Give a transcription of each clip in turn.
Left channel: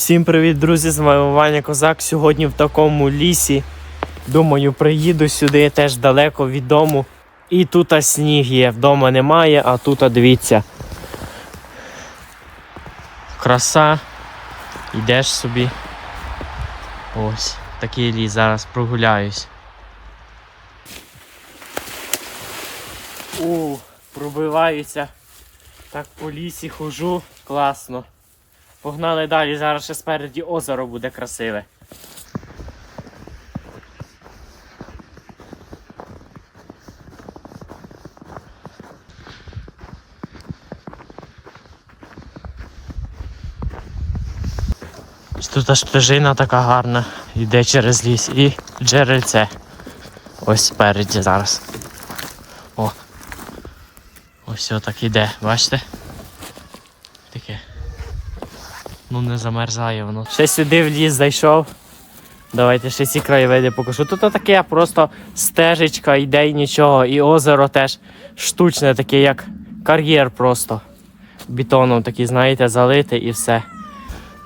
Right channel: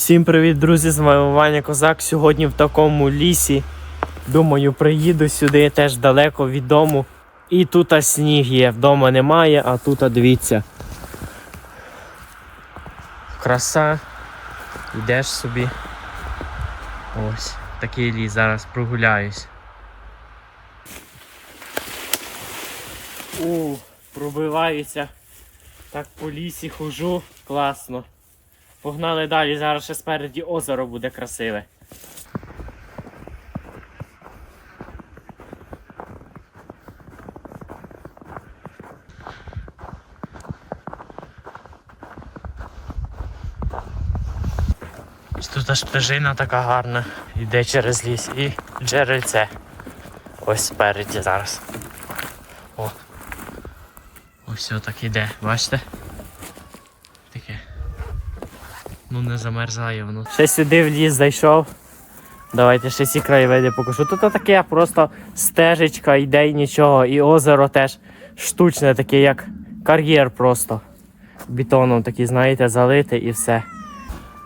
Всім привіт, друзі! З вами Ваня Козак. Сьогодні в такому лісі. Думаю, приїду сюди теж далеко від дому. І тут сніг є. Вдома немає, а тут дивіться. Краса. Йдеш собі. Ось, такий ліс, зараз прогуляюсь. У, пробиваюся. Так по лісі хожу. Класно. Погнали далі, зараз ще спереді озеро буде красиве. Тут аж стежина така гарна, йде через ліс і джерельце. Ось спереді зараз. О. Ось так іде, бачите? Таке. Ну не замерзає воно. Ще сюди в ліс зайшов. Давайте ще ці краєвиди покажу. Тут таке просто стежечка, йде і нічого. І озеро теж штучне, таке, як кар'єр просто. Бетоном такий, знаєте, залите і все.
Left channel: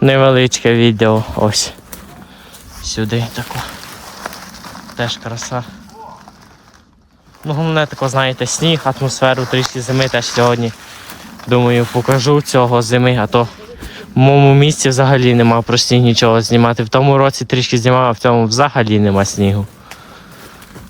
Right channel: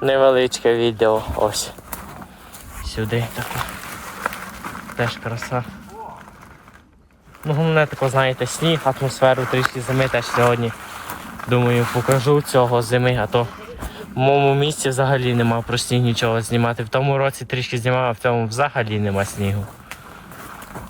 Невеличке відео. Ось. Сюди таке. Теж краса. Ну, головне тако, знаєте, сніг, атмосферу трішки зими теж сьогодні. Думаю, покажу цього зими, а то в моєму місці взагалі нема про сніг нічого знімати. В тому році трішки знімав, а в цьому взагалі нема снігу.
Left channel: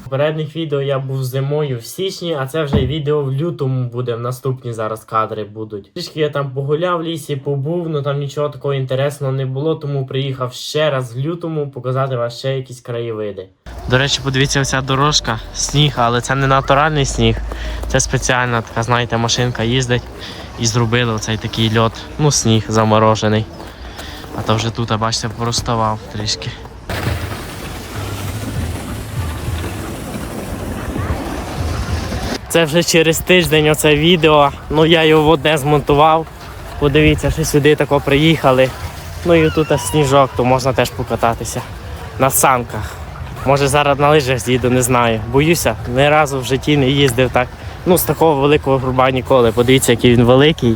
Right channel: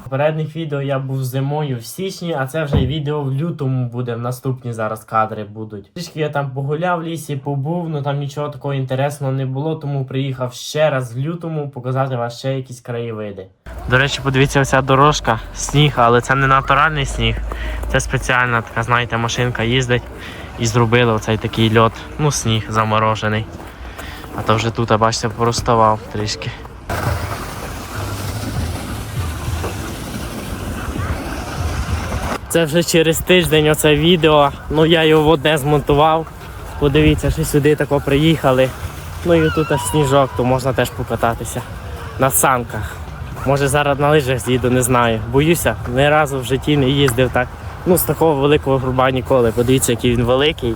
Попередніх відео я був зимою в січні, а це вже відео в лютому буде. В наступні зараз кадри будуть. Трішки я там погуляв в лісі, побув, ну там нічого такого інтересного не було, тому приїхав ще раз в лютому показати вам ще якісь краєвиди. До речі, подивіться, оця дорожка, сніг, але це не натуральний сніг. Це спеціальна така, знаєте, машинка їздить і зробили оцей такий льот, ну сніг заморожений. А то вже тут, бачите, пороставав трішки. Це вже через тиждень оце відео. Ну я його в одне змонтував. Подивіться, що сюди тако приїхали. Ну і тут сніжок, то можна теж покататися на санках. Може зараз на лижах з'їду, не знаю. Боюся, ні разу в житті не їздив так. Ну, з такого великого груба ніколи. Подивіться, який він великий.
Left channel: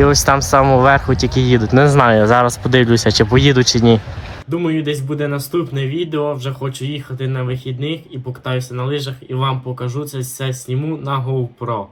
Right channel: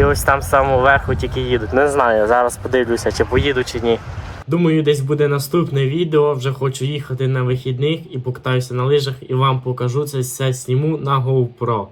І ось там з самого верху тільки їдуть. Не знаю, зараз подивлюся, чи поїду, чи ні. Думаю, десь буде наступне відео. Вже хочу їхати на вихідних і покатаюся на лижах і вам покажу це все сніму на GoPro.